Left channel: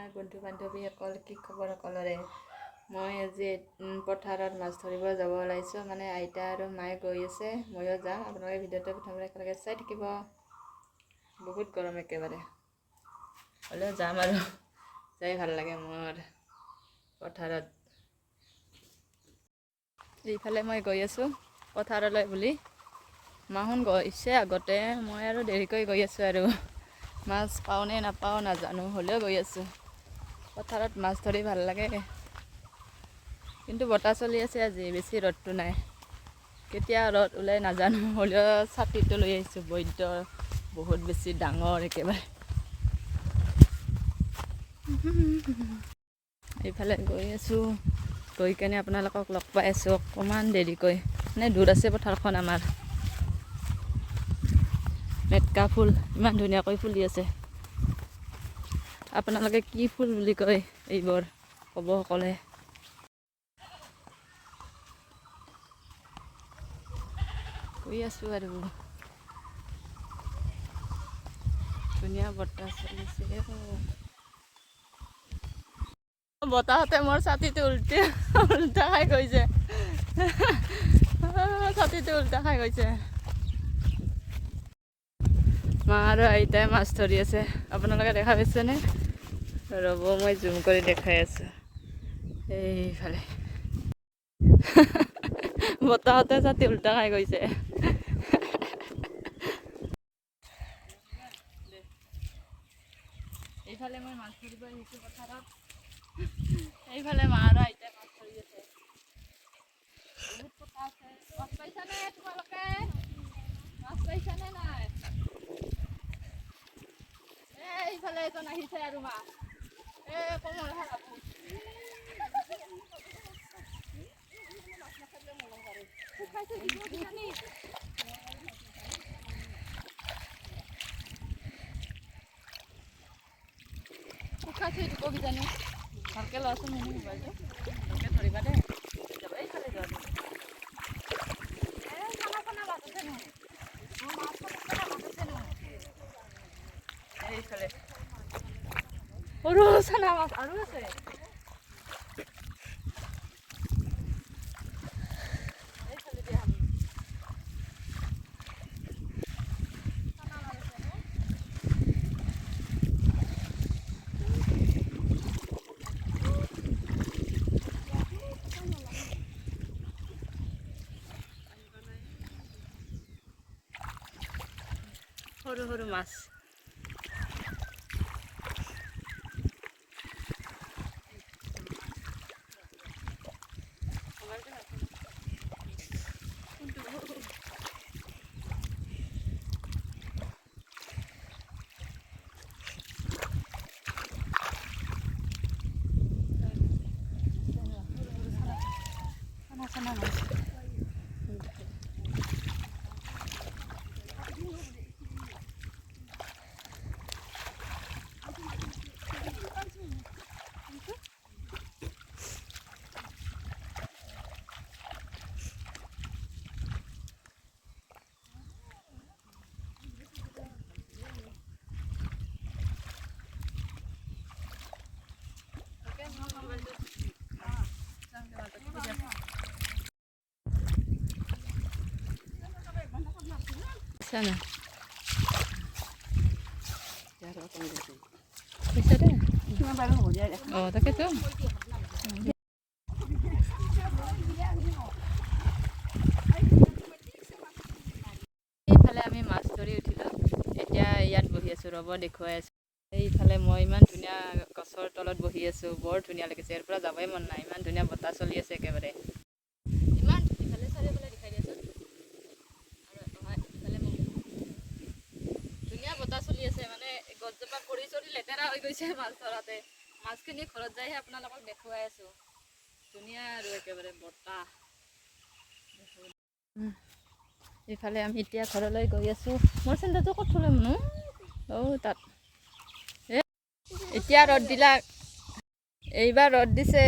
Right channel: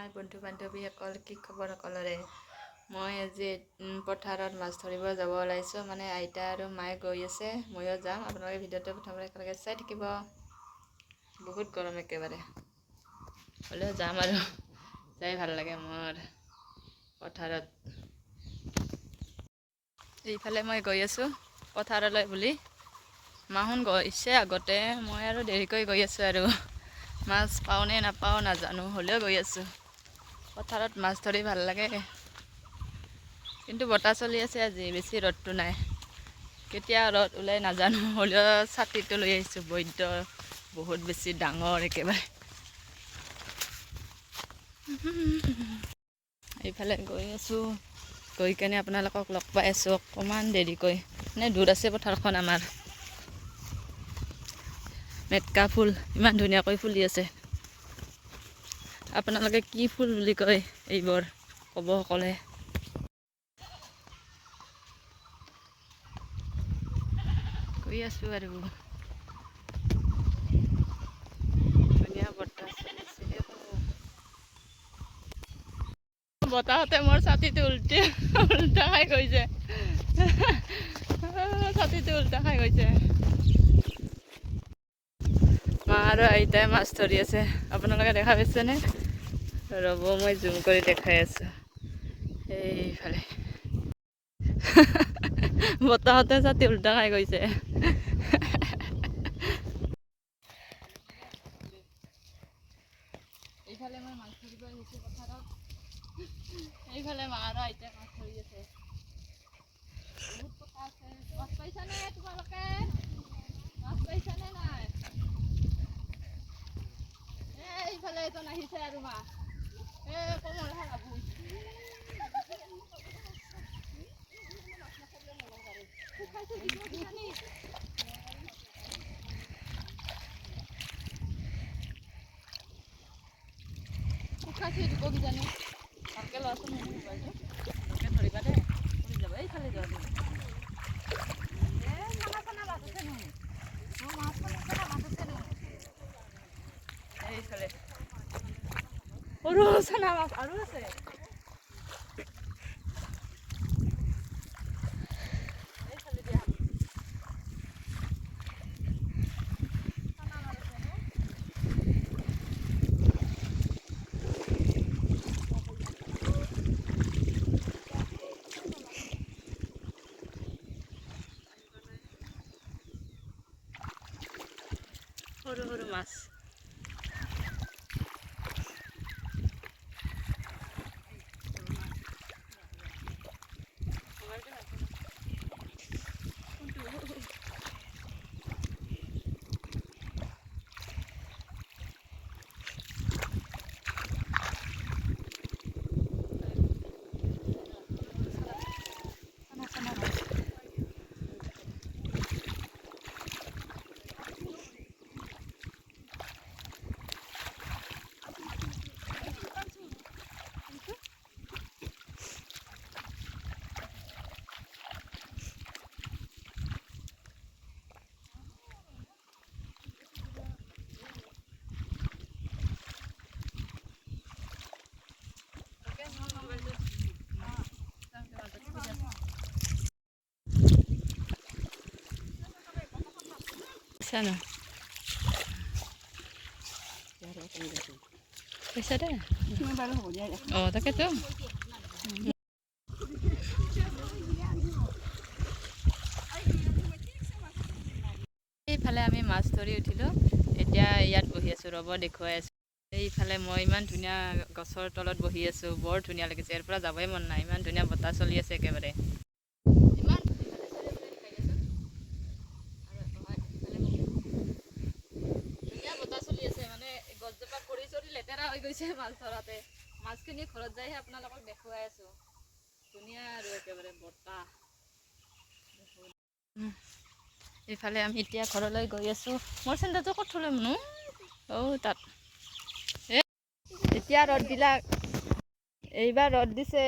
হাই বন্ধু বান্ধৱীসকল, কি খবৰ সকলোৰে। মই আজি পথাৰত মাছ ধৰিব যাব ওলাইছোঁ। মানে আইতা আৰু মায়ে গৈ আছে, ময়ো যাম। আপোনালোকে ভিডিঅ'টো প্ৰথমতে একেলগে চাই থাকিব। বহুত গৰম একেবাৰে, হ'লেও যাম আৰু যাই ভাল লাগে মোৰ পথাৰত। এইফালে মই গৈ আছোঁ পথাৰলৈ বুলি। মাহঁত গৈছে আগতে, মই আৰু দেৰিকৈ গৈ আছোঁ আৰু। মাছ পাওঁ নে নাপাওঁ নাজানো, হ'লেও গৈ আছোঁ। পথাৰত মাছ ধৰি ভাল লাগে, কিন্তু বতাহ চলি আছে আজি, বেছি ৰ'দটো নাই। কেতিয়া ৰ'দ ওলাই নাজানো, হ'লেও ছাতিটো লৈ আহিছোঁ। বহুত বেছি ডাঙৰ একেবাৰে। এইফালে গৈ আছোঁ, গৈ কেনে আপোনালোকক লগ পাই আছোঁ অকণমান দেৰিকৈ। মানে দূৰ আছে পথাৰখন আমাৰ। মেটকা ফুল ইমান ধুনীয়াকৈ ফুলি আছে। আপোনালোকে কি ফুল বুলি কয় এইবোৰ ক'ব সকলোৱে। গৈ আছোঁ আৰু ধুনীয়া বতাহ চলিছে। বতাহতে মোৰ ছাতিটো উল্টা খাই গৈছে। ছাতিটো উল্টা খাই গৈছে। মা আৰু আইতাই মাছ ধৰি আছে, আপোনালোকে দেখা পাইছেনে? ৰ'ব, মই জুম কৰি দেখাই আছোঁ। এইফালে বতাহতে ছাতি উল্টা খাই গৈছে। এইফালে মই মাছ ধৰিব আহিছোঁ পথাৰত। এইফালে মা আৰু আইতাই মাছ ধৰি আছে। বহুত কথা আছে। মাছ পাইছানে তোমালোকে? মাছ পাইছানে নাই? এইফালে এজন আহিছে আৰু মাছ। কমৰ বাবু। শুকাইছে দিব কিজানি। ভালকৈ লোৱাচোন মোৰ মোবাইলটো, ভালকৈ ধৰিবা দেই। যাব এইফালে যোৱা তুমি। এইফালে সৰু চানা মাছ আৰু আছে। এইফালে দিয়া সৰু সৰু মাছ। Sana. Bisa deh. Oh, tak itu. এইফালে আমি মাছ ধৰি উঠিলোঁ। এতিয়া ইয়াত বহি আছোঁ, ৰ'ব দেখুৱাই আছোঁ। এইফালে মই ইমান ধুনীয়া গছৰ তলত বহি আছোঁ, বৰ ধুনীয়া লাগিছে। ইয়াৰ পৰা যাবই মন নাই, ইমান ধুনীয়া বতাহ চলি আছে একেবাৰে। ইমান ধুনীয়া বতাহ চলি আছে, মানে গছজোপা পৰি চৰি লেতেৰা হৈ গৈছে মাছ ধৰাতে। মাছখিনি ঘৰত যাইহে আপোনালোকক দেখুৱাই আছোঁ। ধুনীয়া আৰু একেবাৰে বতাহ। এইফালে আমি এতিয়া ঘৰলৈ গৈ আছোঁ। মোৰ চেন্দেলটো ক'ত থ'লে মনো? তাত। এতিয়া ৰ'দ দিলা, এইবাৰ ৰ'দ দিছে,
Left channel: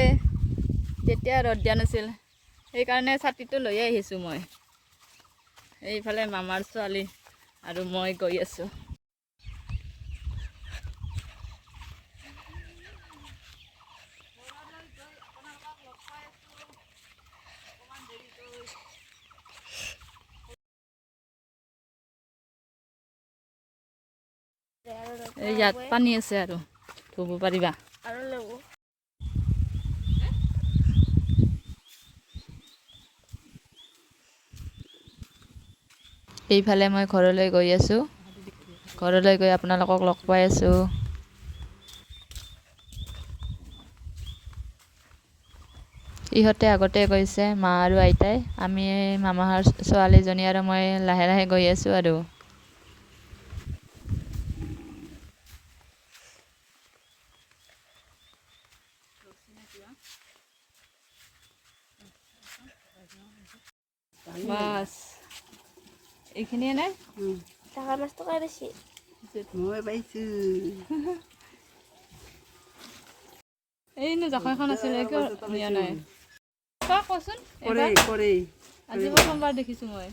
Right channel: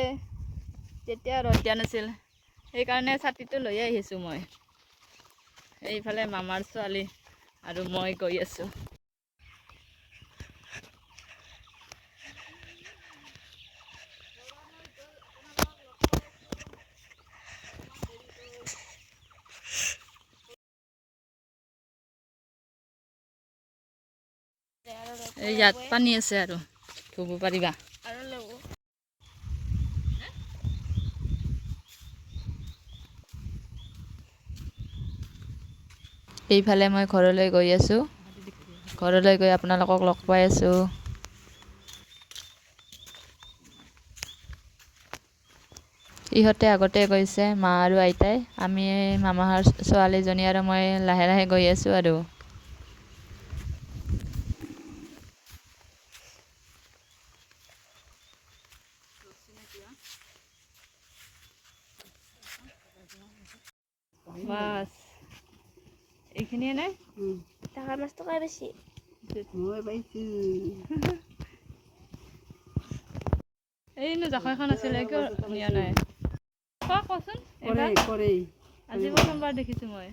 তেতিয়া ৰ'দ দিয়া নাছিল। সেইকাৰণে ছাতিটো লৈ আহিছোঁ মই। এইফালে মামাৰ ছোৱালী আৰু মই গৈ আছোঁ। এই ইয়াত পানী আছে আৰু ধুব পাৰিবা। এইফালে মই ঘৰলৈ গৈ আছোঁ। ঘৰলৈ গৈ আপোনালোকক লগ পাই আছোঁ। ইহঁতে আগতে গৈছে, মা আৰু আইতাই। আমি মামাহঁৰ ছোৱালীজনী আৰু মই লাহে লাহে গৈ আছোঁ আৰু। বাছ এইখিনিয়ে নাই ডাঙৰ মাছটো কাই বেছি মই পাইছোঁ। এইনো জাকৈ এখন আছিলে কিয় নিয়া নাই? কচোন কৰে আজি প্ৰথমবাৰ দেখিছোঁ মই।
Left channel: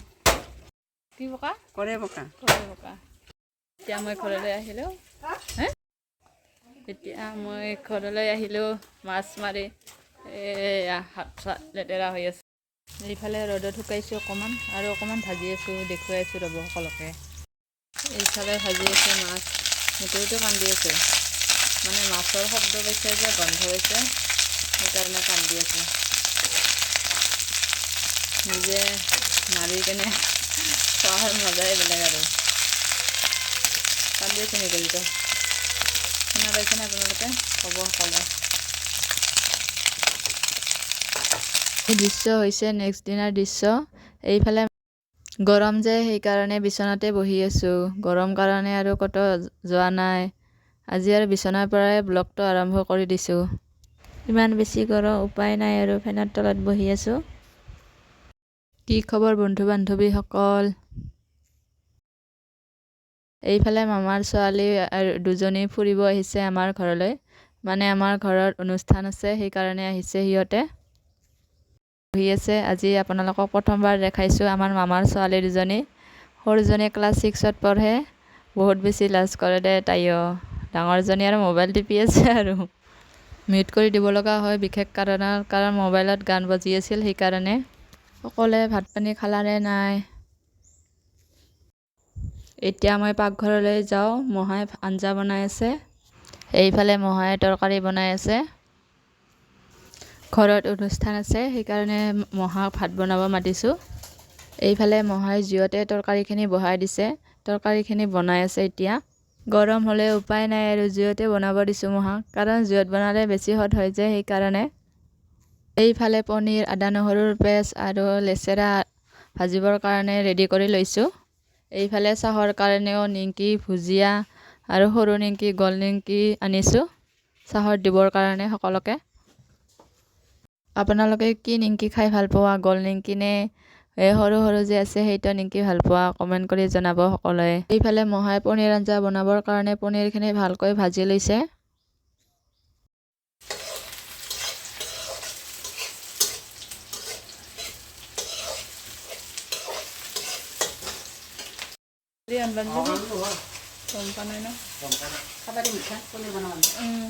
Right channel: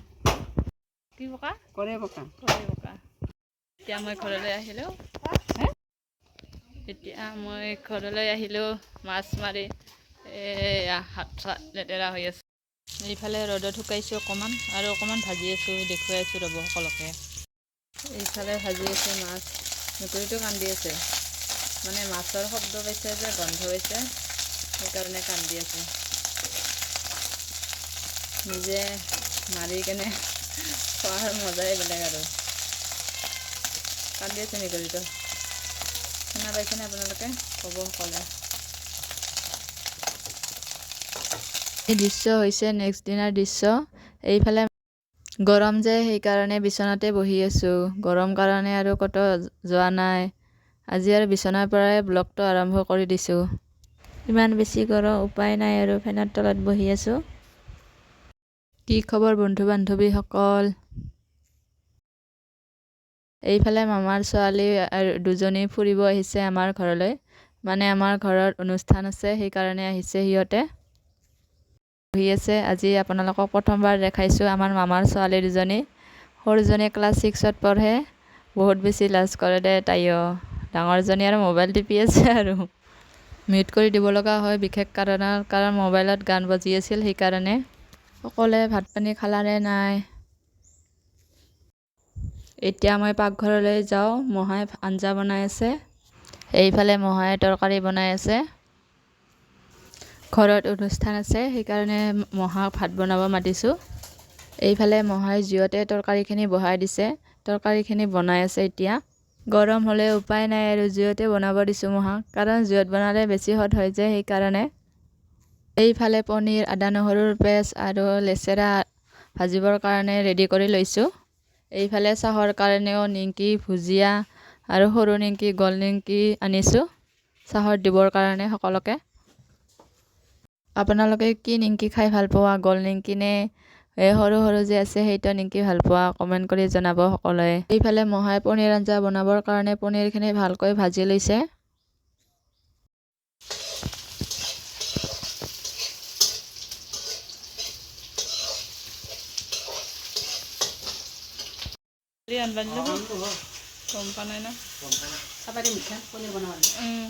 কি বোকা? কৰে বোকা। এতিয়া মই ঘৰলৈ আহিলোঁ। মাছ মাৰি হাত চাত লেতেৰা হৈ আছে। এইফালে ৰ'দত শুকাইছোঁ অকণমান আৰু অকণমান ভাজি আছোঁ, দেখুৱাই আছোঁ ৰ'ব সকলোকে। এইফালে ভাজি আছোঁ মাছ। মেকুৰীটো কান্দি আছে, মানে মাছৰ শব্দ পাইছে যে গন্ধ পাইছে, সেইকাৰণে কান্দি আছে। নিজে মাৰি কেনে খোৱাৰ মজাই বেলেগ আৰু। কান্দি আছে মেকুৰীটো, শুনা পাইছেনে আপোনালোকে? ক'ব সকলোৱে। এই দৃশ্য হৈছে নেক্সট দিনাৰ দৃশ্য। এইফালে গৰম যে সেইকাৰণে বিচনাতে বহি আছোঁ। গৰম কাৰণে আৰু ক'তো যোৱা নাই। আজি আৰু বিচনাৰ পৰাই ব্লগটো আৰম্ভ কৰি দিছোঁ। ইমান বেছি গৰম, উপায় নাই আৰু ফেনৰ তলত বহি আছোঁ। কি খবৰ বন্ধু বান্ধৱীসকল? এইফালে মামাৰ ছোৱালী আৰু দুজনী ফুৰিব আহিছে আমাৰ ঘৰলৈ। মানে আমাৰ ঘৰত অনুষ্ঠান আছে, সেইকাৰণে আহিছে সিহঁতে। বহি আছে। আজি আপোনালোকক প্ৰথমবাৰ দেখাইছোঁ আমাৰ মামাৰ ছোৱালী দুজনী। সৰুজনী ক্লাছ 6ত পঢ়ে। বহুত বেছি লাজ কৰে দে তাইও। ডাঙৰজনী আৰু মোবাইল টিপি আছে আৰু। মিউট কৰি দিব লগা হয় বিশেষ কাৰণত, কাৰণ মোবাইলত গান বাজি আছিল সেইকাৰণে। সকলোৱে ভাত পানী খালানে নাই? এতিয়া মই পাকঘৰলৈ যাওঁ। মহাই আঞ্জা বনাই আছে। এইফালে মহাই তৰকাৰী বনাই আছে। ঘৰত অনুষ্ঠান আছে, সেইকাৰণে মহাক ভাত বনাব মাতিছোঁ। এইফালে মহাই জুইতে তৰকাৰীখিনি বহাই দিছে। তৰকাৰীখিনি বনাই আছে এতিয়া। গৰম হ'লে উপায় নাই আৰু জুইতে বনাব দিছোঁ মহাক, কাৰণ জুইত বনালে বেছি সোৱাদ হয় যে সেইকাৰণে। এইফালে পনীৰ, আদা নহৰুৰ পেষ্ট আৰু লেচেৰা ভাজিবৰ কাৰণে ৰেডি কৰি লৈছোঁ। এইফালে চাহৰ কাৰণেও নিমকি, ভুজিয়া আৰু সৰু নিমকি, গোল নিমকি আনিছোঁ চাহত দিবৰ কাৰণে সকলোকে। আপোনালোকে কি নিমকি খাই ভাল পোৱা? গোল নিমকি নে সৰু সৰু যে আছে সেইটো নিমকি ভাল পোৱা? কমেণ্ট কৰি জনাব সকলোৱে। এইফালে মহাই পনীৰ আঞ্জা বনাবৰ কাৰণে পনীৰখিনি ভালকৈ ভাজি লৈছে।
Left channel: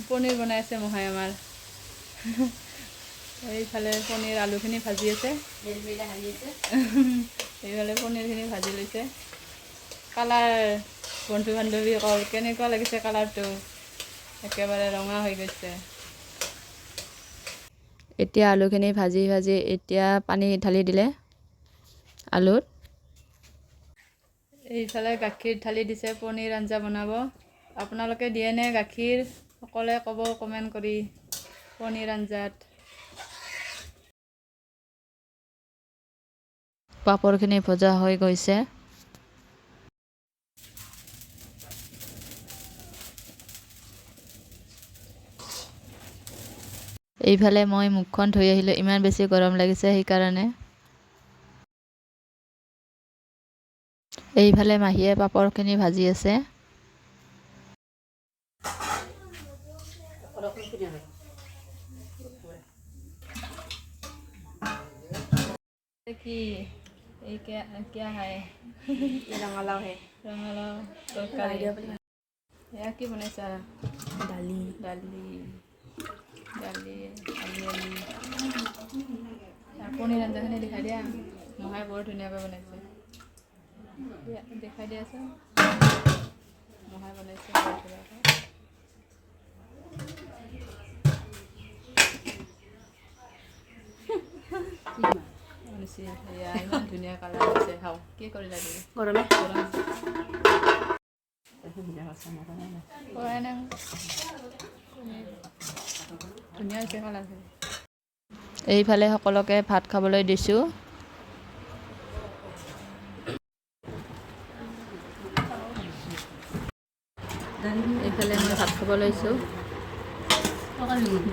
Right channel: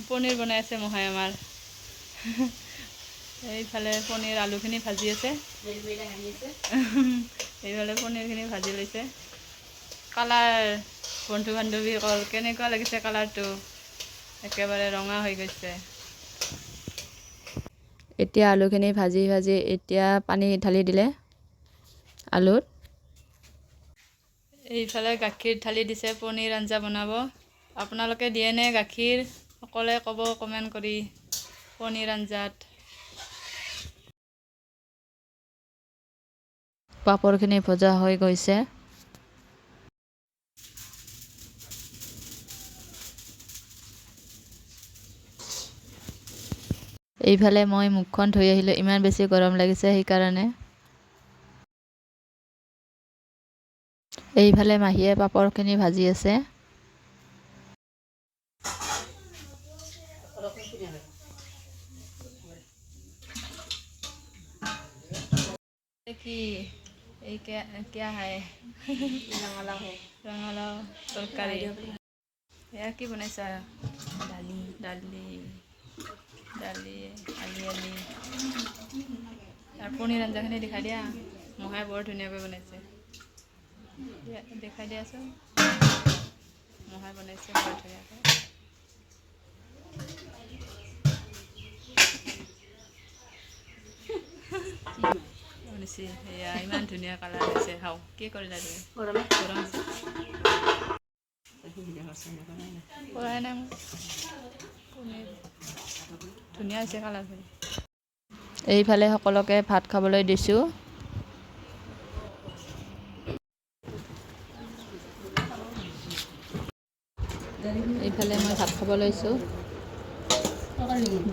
পনীৰ বনাই আছে মহাই আমাৰ। এইফালে পনীৰ আলুখিনি ভাজি আছে। এইফালে পনীৰখিনি ভাজি লৈছে। কালাৰ বন্ধু বান্ধৱীসকল কেনেকুৱা লাগিছে কালাৰটো? একেবাৰে ৰঙা হৈ গৈছে। এতিয়া আলুখিনি ভাজি ভাজি এতিয়া পানী ঢালি দিলে আলুত। এইফালে গাখীৰ ঢালি দিছে পনীৰ আঞ্জা বনাব। আপোনালোকে দিয়েনে গাখীৰ? সকলোৱে ক'ব কমেণ্ট কৰি। পনীৰ আঞ্জাত পাপৰখিনি ভজা হৈ গৈছে। এইফালে মই মুখখন ধুই আহিলোঁ, ইমান বেছি গৰম লাগিছে সেইকাৰণে। এইফালে মাহীয়ে পাপৰখিনি ভাজি আছে। কি এই क्या है? ৰঙালাও তৰকাৰী। এয়া কি বনাইছা? দালি আলি আৰু পনীৰ আঞ্জাখিনি দেখাই দিয়া। মহাই বৰ ধুনীয়াকৈ বনাইছে। দেখাই দিয়াচোন। মহাই বনাইছে বৰ ধুনীয়াকৈ সেয়া ইমান ধুনীয়া কালাৰ হৈছে খাওঁ কি কৰিলা তুমি গৰম কৰাই নাই ধুনীয়া হৈছে কালাৰখিনি এইফালে সকলোকে ভাত খাবলৈ দিছোঁ এইফালে মই ভাত খাব লৈছোঁ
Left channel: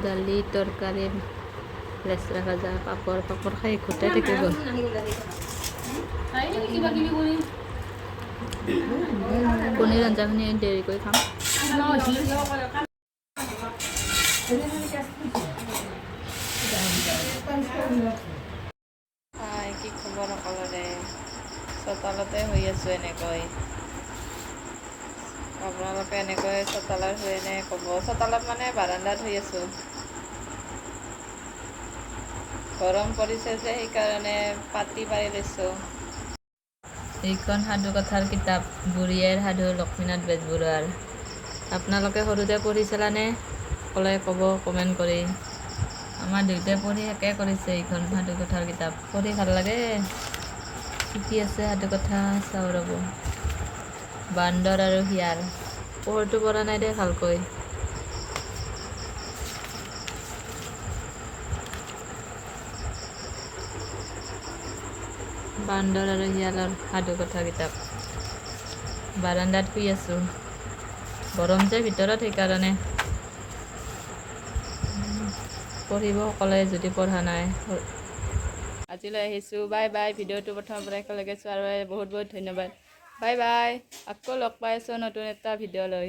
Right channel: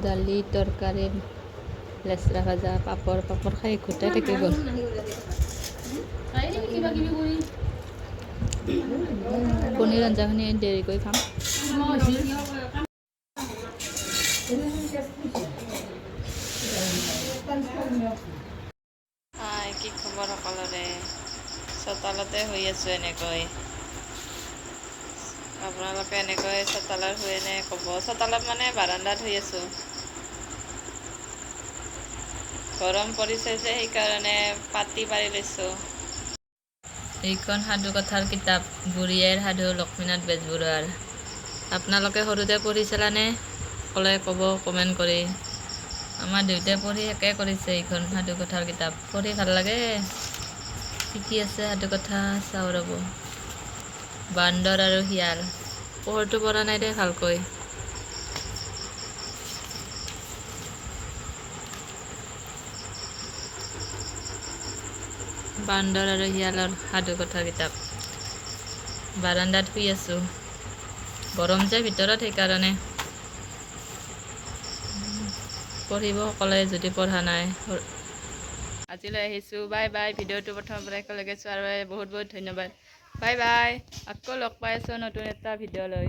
দালি তৰকাৰী লেচৰা ভাজা পাপৰ খাই ঘূটাই থাকিব পনীৰ আঞ্জাখিনি দেৰিকৈ খাম কি খবৰ সকলোৰে চোতালতে হৈ আছোঁ এনেকৈ আপোনালোকে এনেকৈ চোতালত শুই নে ক'ব চোতালত মানে বাৰান্দাত শুই আছোঁ গৰম পৰিছে যে সেইকাৰণে পাতি পাৰি লৈছোঁ এইখন সাধু কথাৰ কিতাপ বুঢ়ী আইৰ সাধু লক্ষ্মীনাথ বেজবৰুৱাৰ আপোনালোকে সৰুতে পঢ়িছিলানে ক'লে ক'ব কমেণ্ট কৰি আমাৰ দেউতাই পঢ়ি শেষে কৰিছে এইখন সাধু কথাৰ কিতাপ পঢ়ি ভাল লাগে শিকি আছে সাধু কথা চাওঁ ৰ'ব বান্দৰ আৰু শিয়াল পোহৰটো পৰা নাই দে ভালকৈ বান্দৰ আৰু শিয়ালৰ সাধু কথা কিতাপ বাৰান্দাত শুই আছোঁ গৰম যে ভিতৰত সেইকাৰণে পঢ়িব সকলোৱে যদি পঢ়া নাই আজিলৈ আহিছোঁ বাই বাই ভিডিঅ'টো প্ৰথমৰ পৰা একেলগে চোৱাৰ বাবে বহুত বহুত ধন্যবাদ বাই বাই আকৌ লগ পাই আছোঁ নতুন এটা ভিডিঅ' লৈ